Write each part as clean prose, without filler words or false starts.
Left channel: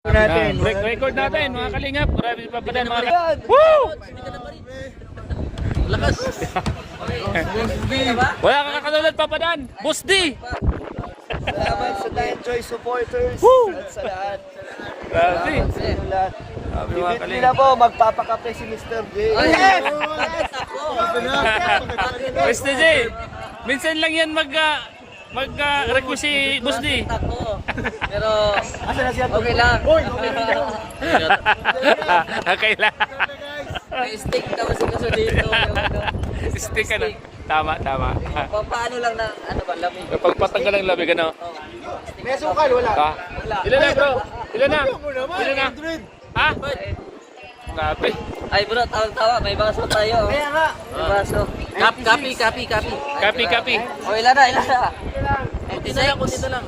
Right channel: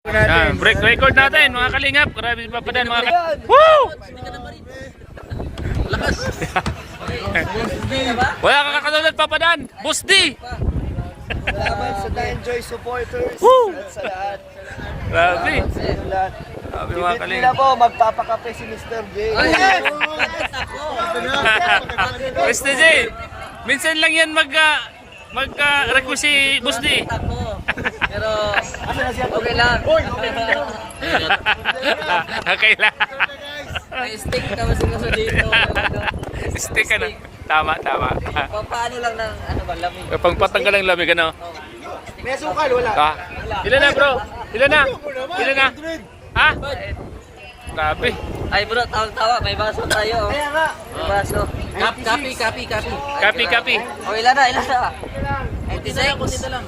Break record natin mga kalingap. Grabe pa pa din mga kalingap. Woo! Lakas. Wala kang kakatulad Papadan. Boss D. Salamat sa Danjoy supporters. Woo! Sa lahat. Grabe. Sa inyo lahat. Grabe mga Ibit kalingap. nila po, magpapakape si Mr. J. Mr. J. Minsan lang yan mag-request si Boss D. Pero okay lang. Okay lang. May stick kami sa dito. Stick ka na. Tama. Paano lang ng ano ba lamig? Kapag patanggal ng lamig, ano? May sukal, wala. Ah. Ilan na bro? Ilan na? Ha? Grabe. Ay bro, tawa may baso tayo. Kaya nga. May baso. Copy. Kapi. O ilan na? 96 dito lang.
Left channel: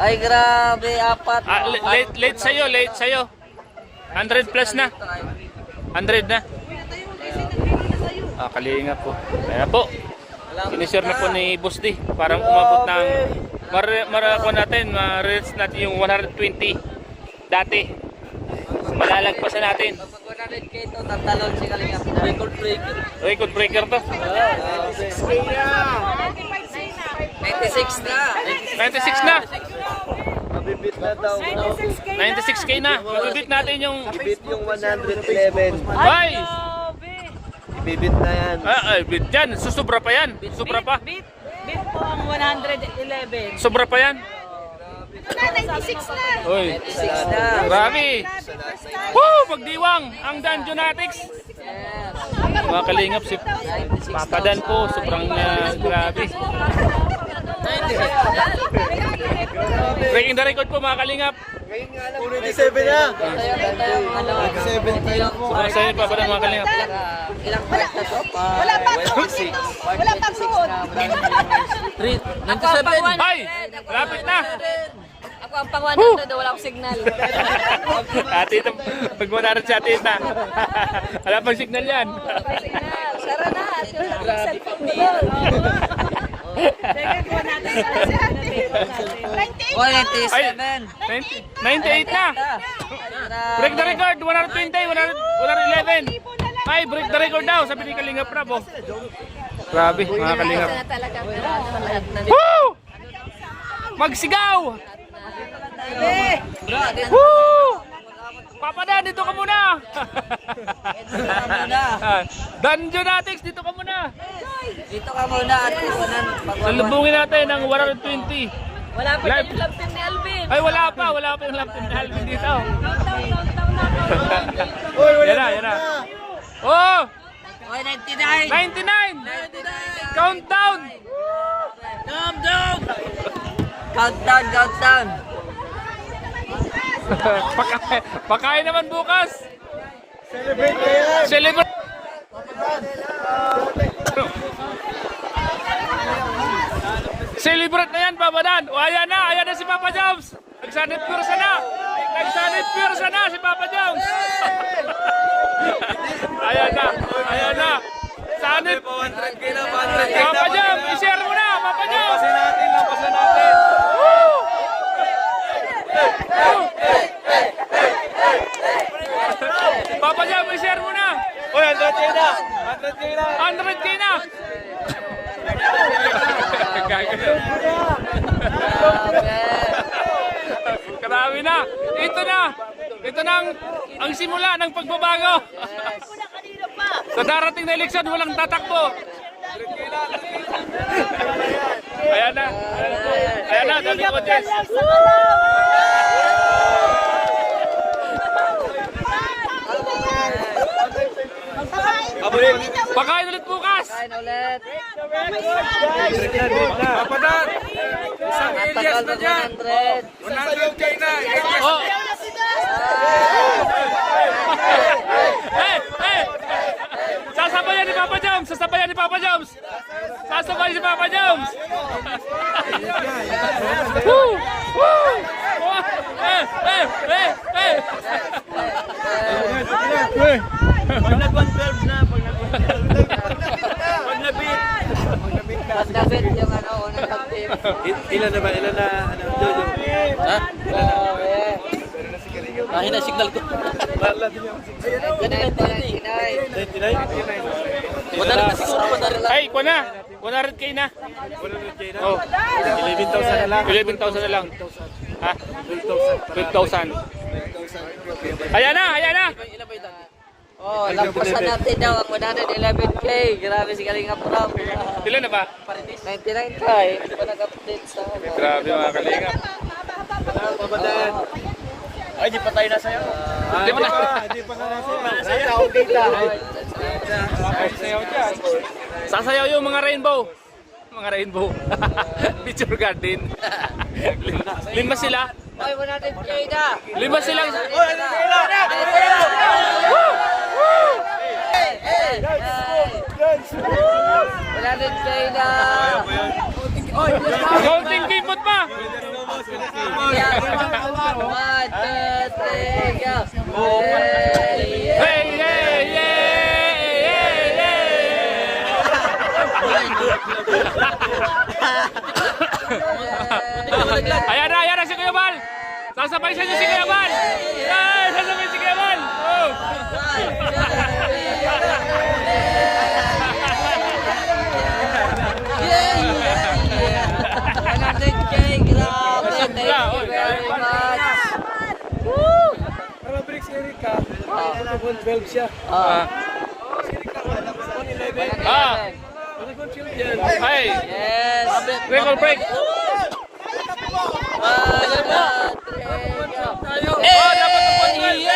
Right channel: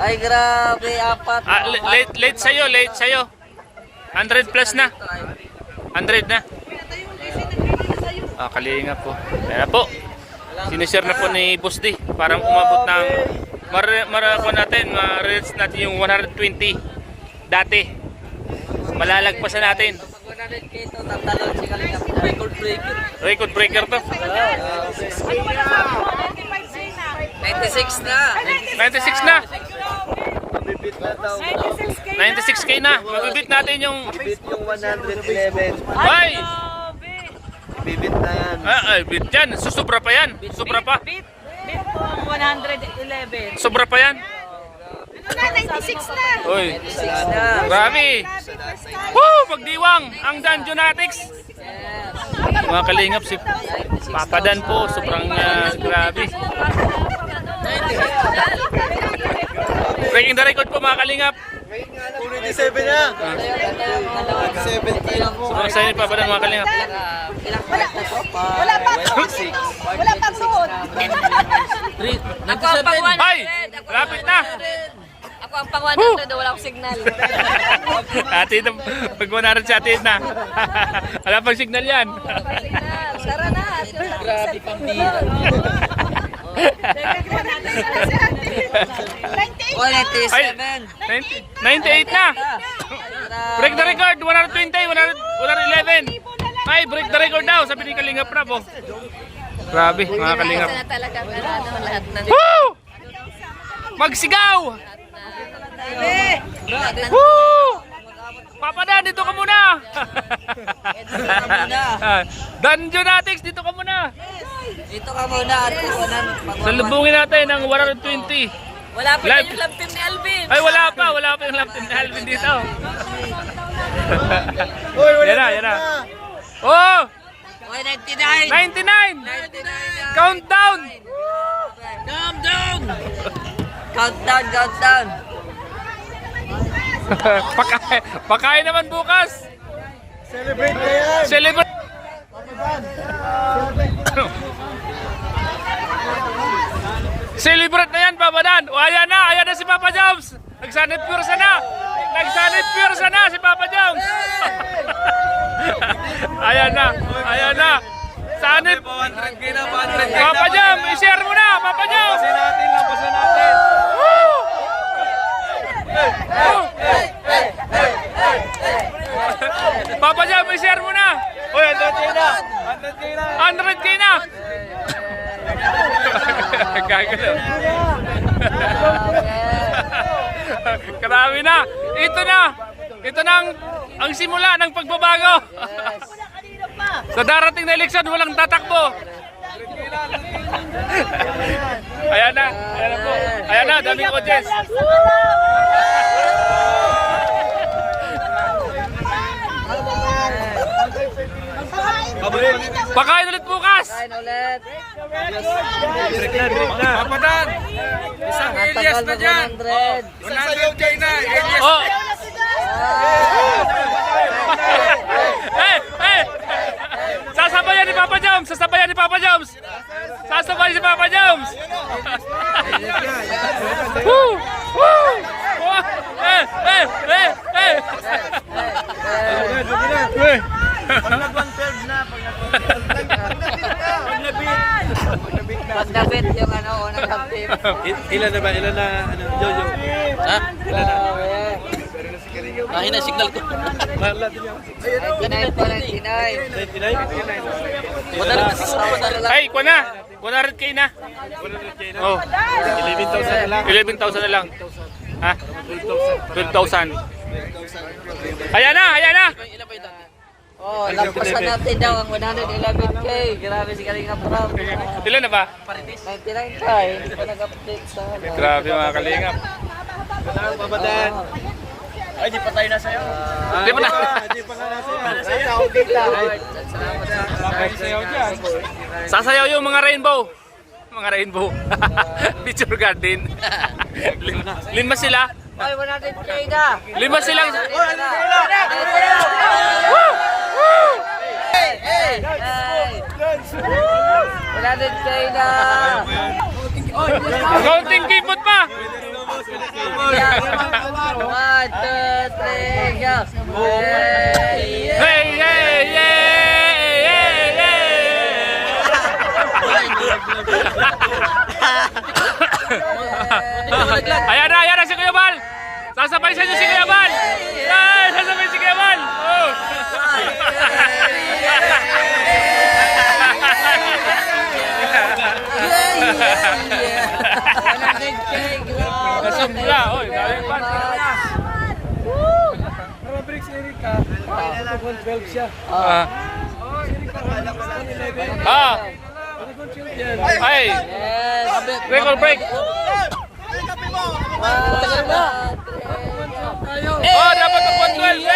Ay grabe, apat. Late sa'yo. 100 plus na. 100 na. Kalingap po. Ayan na po. Sinishare na po ni Boss D. Parang umabot ng marako natin. Ma-reach natin yung 120 dati. Malalagpasan natin. Pag 100k ito, tatalon si Kalingap. Record breaker. Record breaker to. 96 na. 96 na. Mabibit na daw. 96k na. Mabibit natin yung... Ibit yung 111. Ay! Ibibit na yan. Ay, bit yan. Sobra pa yan. Sobra pa. Beat po ang 111. Sobra pa yan. Ito na, 96 na. Uy. 96 na. Grabe. Woo! Magdiwang ang Danjonatics. Mga kalingap si Papadan po. Sobrang grabe. Breaking the record po mga kalingap. 27 na. 27 kilo. Sobrang saya ni Papadan mga kalingap. Ilang point na to? Wala pa bro. 97. Ay! Lapit na! Ako ang pang 100, wala akong signal. Ate, pag muna si ate na. Wala pang signal yan. Sara na. Grabe pang dito. Oh, 97. Ay, 98 na. Break the record, 120, 111. Ay, break the record daw, sabi ni Kalingap Prab. Grabe, mga Kalingap. Talagang lahat na. Woo! Magsigaw! Woo! Papadan, dito ka muna! Danjonatics, dito ka muna! Dito ka muna at Salubungin natin ang 120. Wala pa Live. yung love team ni Alvin. Ay, wala pa yung lap team ni Alvin dito. Uy, wala Yan na. Oh! 99. 99! Countdown! Countdown. Pakain naman bukas! Celebrate kayo yan. Celebrate! Celebrate na yan, Papadan! O, ayan na si Papa Joms! Nagsanip pursa na si Papa Joms! Ayan na! Sanip! Papa Joms, i-share mo na, Papa Joms! Woo! Woo! Papa Joms, i-share mo na! 100k na! Gagano. Karami na. Ito na ang simula ng pagbabago. Sa darating na eleksyon, walang tatakbo. Ayan na po. Ayan na, dami ko Jess. Pakain ulit bukas. Papadan! Isang Elias na dyan! 100K na! Oh. Sasabayan ni Papa Joms! Sasabayan si Papa Joms! Woo! Woo! Pag nag-112 na, Pag nabit yung unang love team. Ilan na, Jojo? Ha? Ilan na? Mahina signal ko. Ganun pa lang, Tinay. Ay, kuha na. 100k na. Oh. 11,000 na lang. 11,000 na lang. Ha? 12,000. Ayan na, ayan na. Oh, lampasan natin daw ang 111K. Grabe si Kalinga Prab. Ilan na ba? 99 tayo. Hindi pa nag-update sa ano. Grabe mga kalingap. Papadaan. Ay, di pa tayo nasaya. Di ba na? Di pa nga nasaya. Ako dito. Sayaw dyan. Sasayaw yung mga rainbow. Mga rainbow. Picture garden. Lima sila. Ay, 100K na. Lima sila. Woo! Woo! Hey! 100K na. Counting keyboard pa. 1, 2, 3, go. Hey, hey, hey, hey, hey. Ayan na si Kuya Bal. Sasabay sa inyo si Kuya Bal. Ay, sasabay si Kuya Bal. Oh. Sobra, oh. Para bricks Erika. 12 siya. Ay, Yes. record break. Oh, dapat na 12.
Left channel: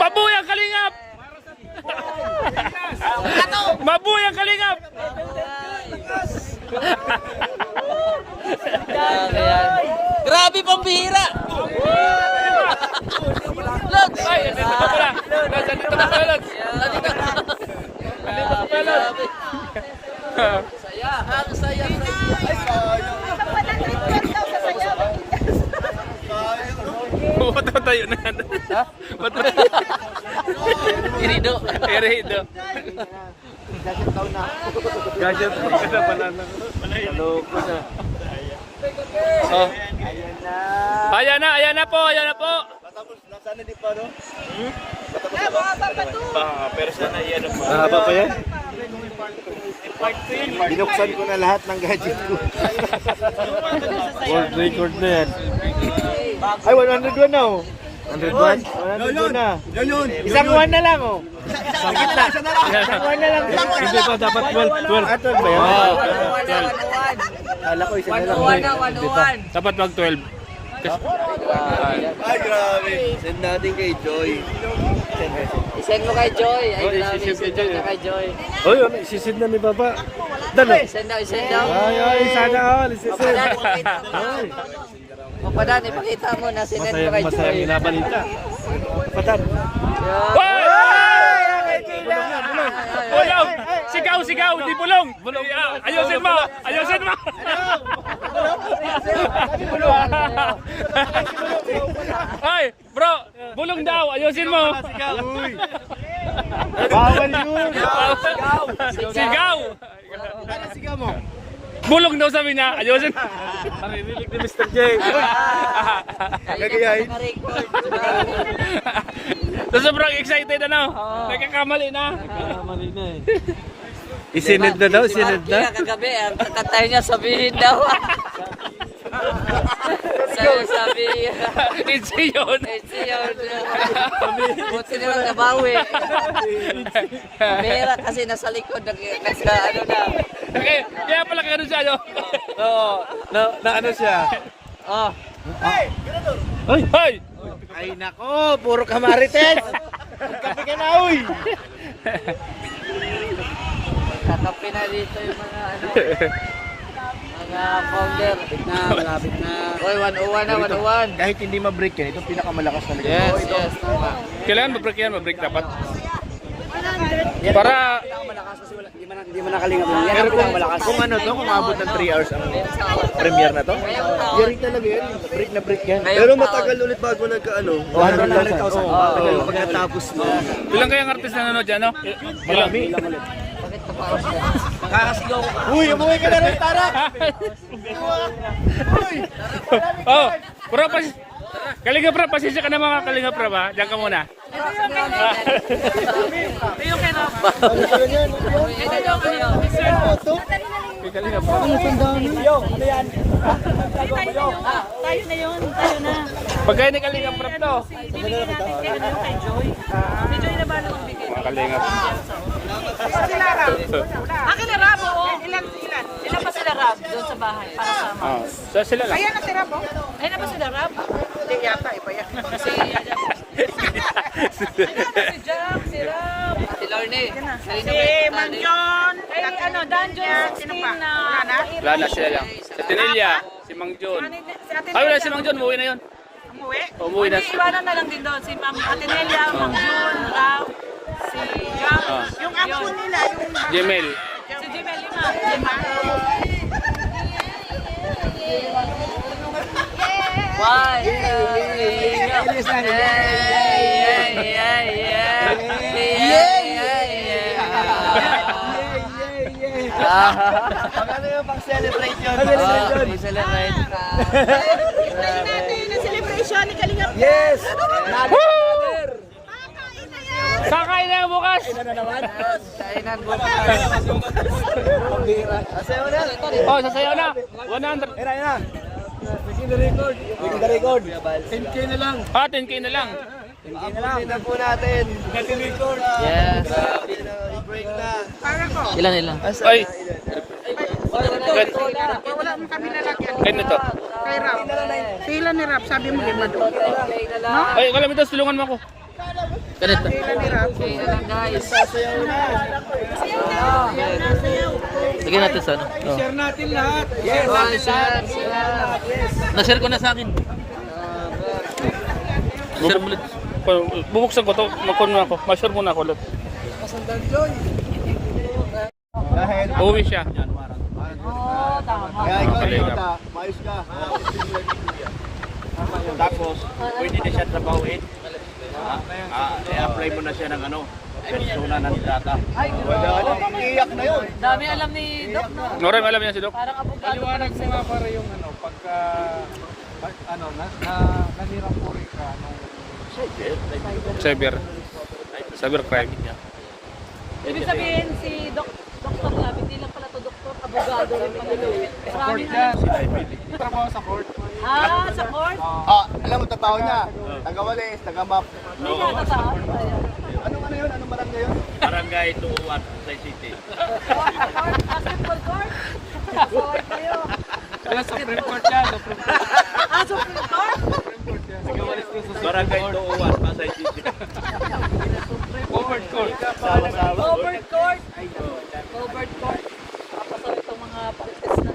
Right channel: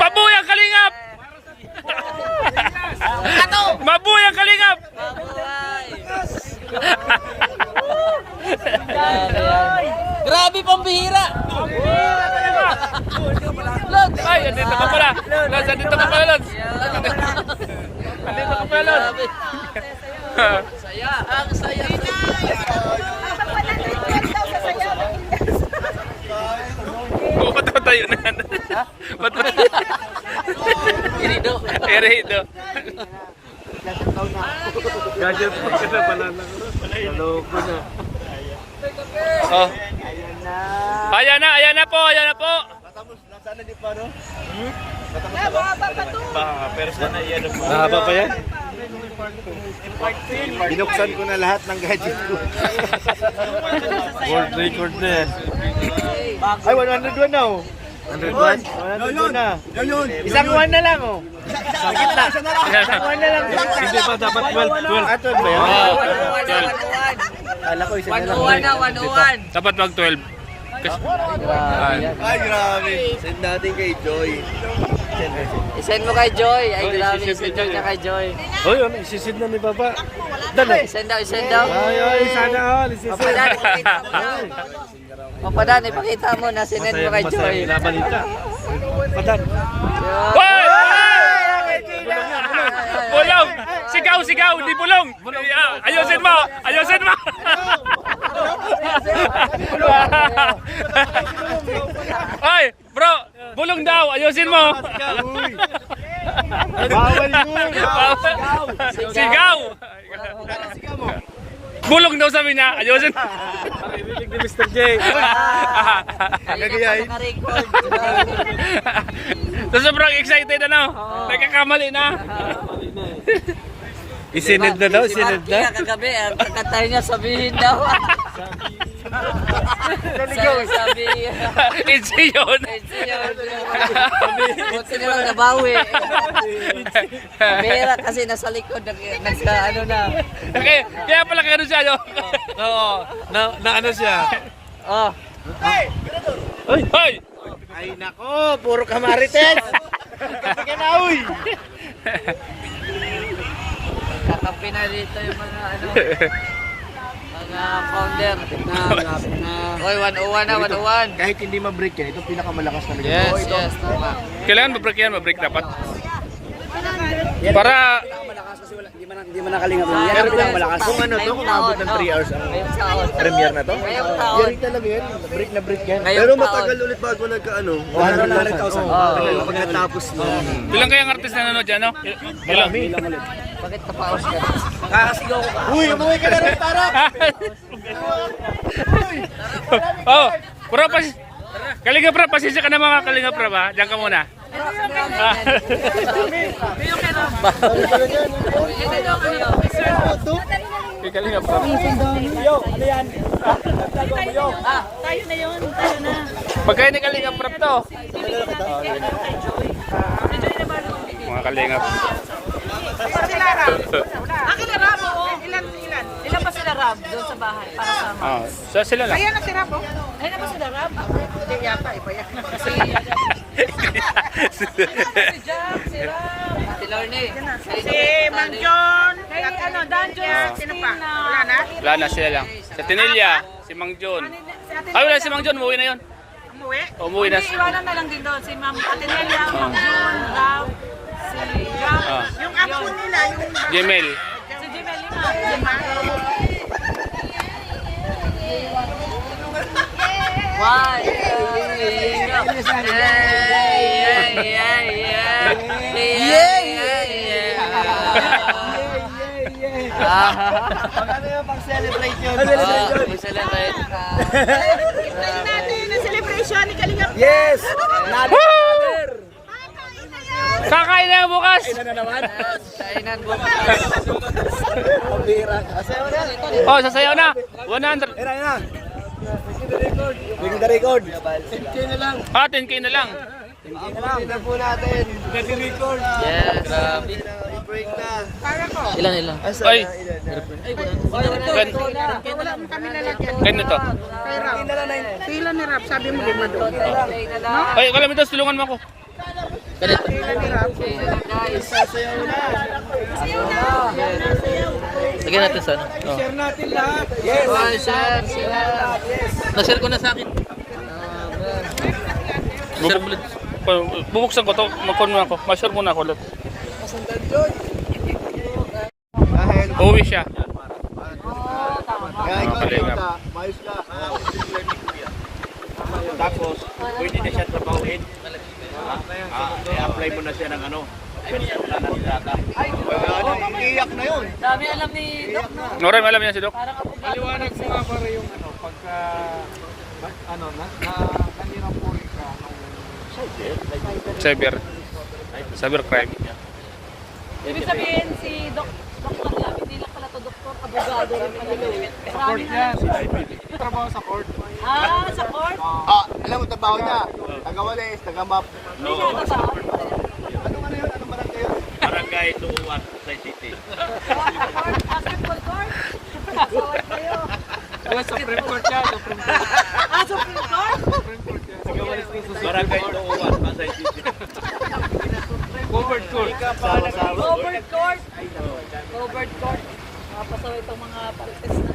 Mabuhay ang kalingap! Mabuhay ang kalingap! Grabe pambihira! Ay, dito ka pala! Lods, dito ka pala, Lods! Dito ka pala, Lods! Saya, ang saya. Ba't ba tayo na? Ba't ba? Irido. Erido. Gadget ka na banana. Maloko na. Oh. Ayan na po, ayan na po. Nasaan na di pa, no? Mahaba pa yan? Binuksan ko na lahat ng gadget ko. World record na yan. Ay, 101 na, oh. 101? 101 na. Isang 1 na lang, oh. Sa gitna. Isang 1 na lang. Hindi pa dapat 12. Ah, 12 ba yan? Oh, 12. Kala ko isa na lang. 101 na, 101. Dapat mag 12. Ay, grabe. Send natin kay Joy. Isend mo kay Joy. Ay, grabe. Isend ka kay Joy. Oh, yun. Isisid na ni Baba. Dali. Isend daw, isend daw. Ay, sana all. Isisid. Papadan, ipakita mo na sinend mo kay Joy. Masaya binabalita. Padan. Hoy! Bulong! Sigaw! Di bulong! Ayusin mo! Ay, bro! Bulong daw! Ayusin mo! Bawal yun. Sigaw! Bulong daw sabi niya! Ayusin mo! Marinig ni Mr. J. Gagayahin. So, sobrang excited nagkakamali na. Isinid na daw, isinid na. Kaya kagabi, ang kakatayo niya sabihin daw. Sabihin. It's yun! Buti naman nabawi. Mera kasi nasa likod, nasa ano na. Okay, kaya pala kaya siya, no? Oo. Na ano siya? Oh, Hoy! Ay, nako. Puro kamarites. Kape ka na, uy. kakapi na dito yung mga ano. Mga founder. Oy, 101 na, 101. Kahit hindi ma-break yan, ito pinakamalakas na. Yes, tama. Kailangan ma-break dapat. Para Hindi mo nakalinga mo. Pero kung ano to, kung abot ng 3 hours ang premiere na to, yari talaga yan. Break na break yan. Pero matagal ulit bago nagka-ano. 100,000. Pagkatapos mo. ilang kayang artist na nanonood dyan, no? Ilang? Bakit tapaos ka? Uy, umuwi ka na rin, Tara! Oh, bro, Kalinga Prab, pasensya ka na mga Kalinga Prab ha. Diyan ka muna. Kay Kalinga Prab. Pagkain ni Kalinga Prab to. Mga Kalinga Prab. Akin na Rab, oo. Ilan pa sila Rab doon sa bahay para sama? Oh, so sila lang. Ayan na si Rab, oh. Ayan na ba sila Rab? Hindi yata, iba yan. Si Jack, si Rab. Si Lorne. Si Manjon. Ay, ano, Dungeon 16 na. Wala na sila lang. Sa Tinilya, si Mang John. Ay, wala si Mang John, umuwi na yun. Umuwi? Umuwi na. Iwanan na lang din doon. Si Ma'am Atenelia, Ma'am June, Rab, si Jack. Yung apo nila, yung Gemel. si Jimel Lima. Why? Pagkano yung pang-celebrate yun? I-celebrate. natin ang celebration ni Kalingap. Yes! Kakain na bukas! Oh, sasayaw na! 100! Bring the record. 10K na lang. Ah, 10K na lang. Abutin na po natin. Yes. Break na. Ilan? Ay! Wala mo kami lalagyan. Ganito. Kay Rap. Sila ni Rap, sabi mo ganito. Ay, kalamitas, tulungan mo ako. Ganito. Sila ni Rap. Sasayaw na. Lagyan natin sa ano. Share natin lahat. Yes. Na-share ko na sa akin. Bubuksan ko to, makon mo ako. Ma-share muna ako ulit. Uwi siya. Kaya Mga kalingap. Mayos ka. Tapos, pwede na siya trabahuin. I-apply mo na siya ng ano, personal ng data. Iyak na yun. Dami alam ni Doc, no? Noray, alam niya si Doc. Parang abogado pa rin sila. Cybercrime. Ibig sabihin si Doc Kalingap, hindi lang pala to doktor, abogado rin pala. Sa court yan. Trabaho sa court. Ah, sa court? Alam mo, trabaho niya. Taga-walis, taga-map. Hindi siya tataas. Anong ano yun? Anong barangay yun? Barangay Tuuan, sa City. Basketball court? Court kayo. Wala, Supreme Court yan. Supreme Court. Ah, Supreme Court? Nagawalis ko sa Barangay Tuuan, sa City. Covered court. Covered court. Covered court. Papasaw itong mga palites na.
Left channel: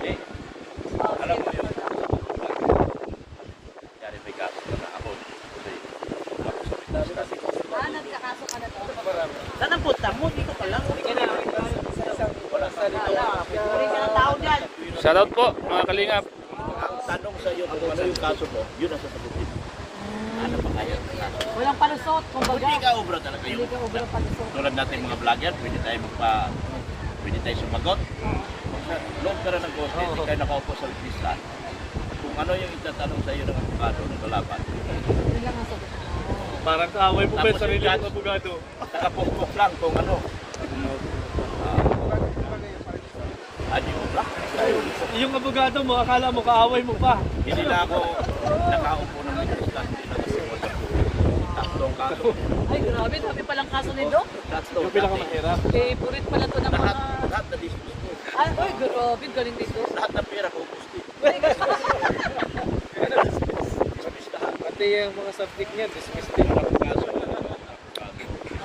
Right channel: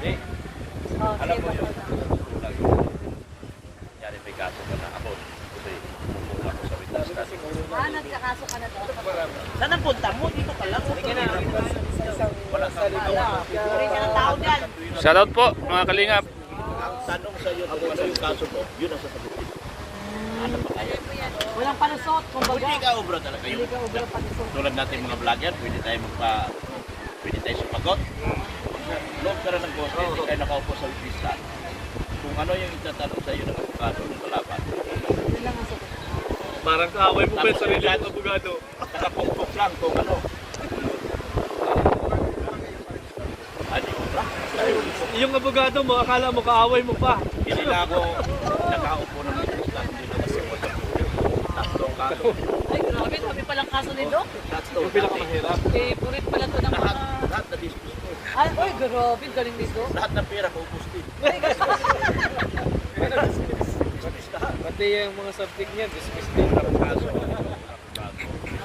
Ah, nagkakaso ka na ba? Saan ang punta mo? Dito pa lang. Shoutout po, mga kalingap. Ang tanong sa iyo kung ano yung kaso mo, yun ang sasagutin. Ano ba kaya? Walang palusot, kumbaga. Hindi ka obra talaga yun. Hindi ka obra palusot. Tulad natin mga vlogger, pwede tayo sumagot. Pag sa loob ka na ng court, hindi tayo nakaupo sa lista. Kung ano yung itatanong sa iyo ng abogado ng kalaban. Yun lang ang sagot. Parang kaaway mo ba yung sarili ng abogado? Nakapukpok lang kung ano. Adi obra. Yung abogado mo, akala mo kaaway mo pa. Hindi na ako nakaupo ng lista. Hindi na kasi mo sa tatlong kaso. Ay, grabe, sabi palang kaso ni Doc. Yung pinakamahirap. Eh, pulit pala ito ng mga... Lahat na disputo. Ay, oy, grabe, galing ni Doc. Lahat ng pera kung gusto. Pati yung mga subject niya, dismiss din.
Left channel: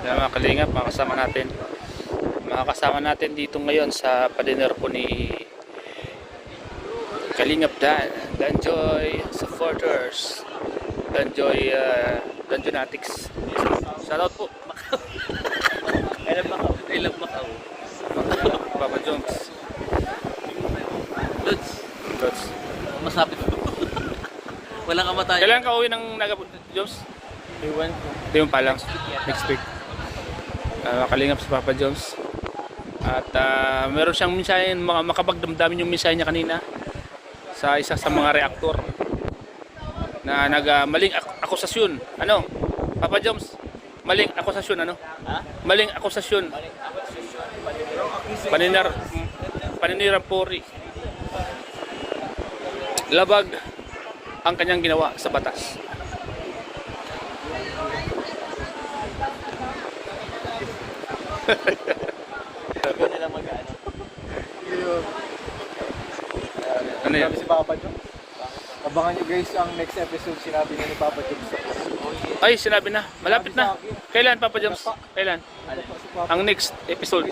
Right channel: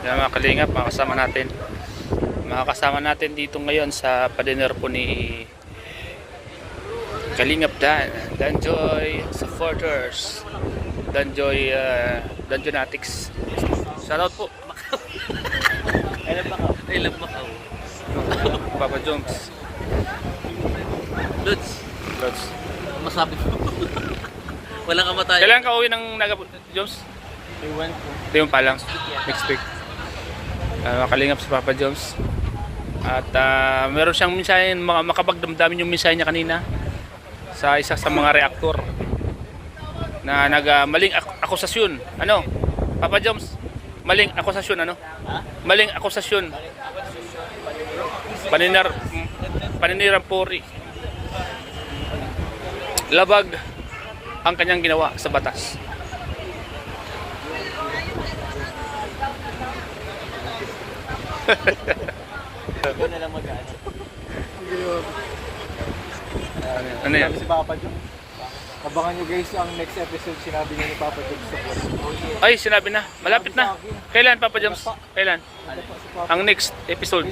Yan mga kalingap, mga kasama natin. Mga kasama natin dito ngayon sa padiner po ni Kalingap Danjoy supporters. Danjoy Danjonatics. Shoutout po. Alam ba ka? Papa Jones. Lods. Masabi ko. Walang kamatayan. Kailan ka uwi ng Naga Jones? Iwan ko. Ito yung pa lang. Next week. Kalingap si Papa Jones. At meron siyang mensahe, makapagdamdamin yung mensahe niya kanina sa isa sa mga reaktor na maling akusasyon. Ano? Papa Joms, maling akusasyon ano? Maling akusasyon. Paninirampuri. Labag ang kanyang ginawa sa batas. Ano yan? Si Papa John. Abangan nyo guys ang next episode, sinabi niya ni Papa John sa vlog. Ay, sinabi na. Malapit na. Kailan, Papa Joms? Kailan? Ang next episode?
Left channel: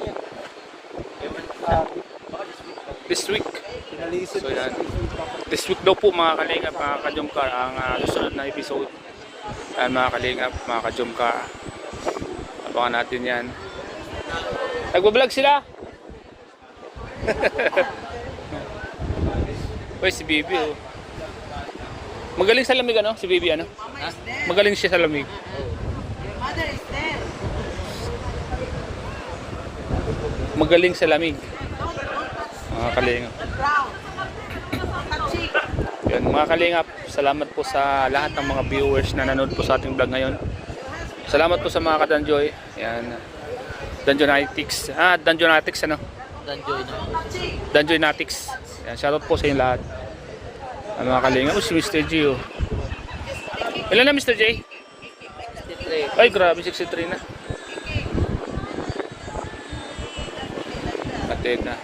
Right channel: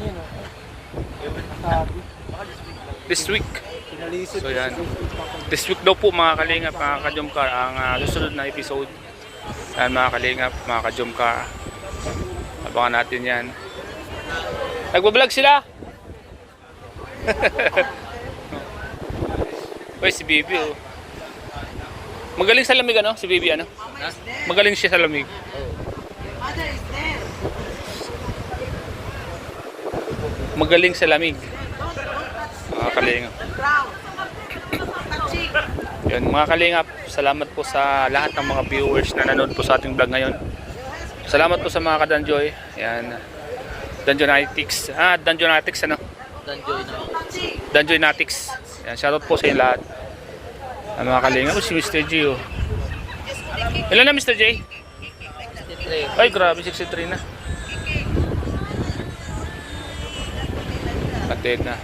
This week. So yan. This week daw po mga kalingap, mga kajumka, ang susunod na episode. Yan mga kalingap, mga kajumka. Abangan natin yan. Nagbablog sila! Uy, si Bibi oh. Magaling sa lamig ano? Si Bibi ano? Magaling siya sa lamig. Magaling sa lamig. Mga kalingap. Yan, mga kalingap, salamat po sa lahat ng mga viewers na nanood po sa ating vlog ngayon. Salamat po sa mga kadanjoy. Yan. Danjonatics. Danjonatics ano? Danjonatics. Yan, shoutout po sa inyo lahat. Ang mga kalingap. Oh, si Mr. J oh. Ilan na Mr. J? 63. Ay, grabe, 63 na. Patid na.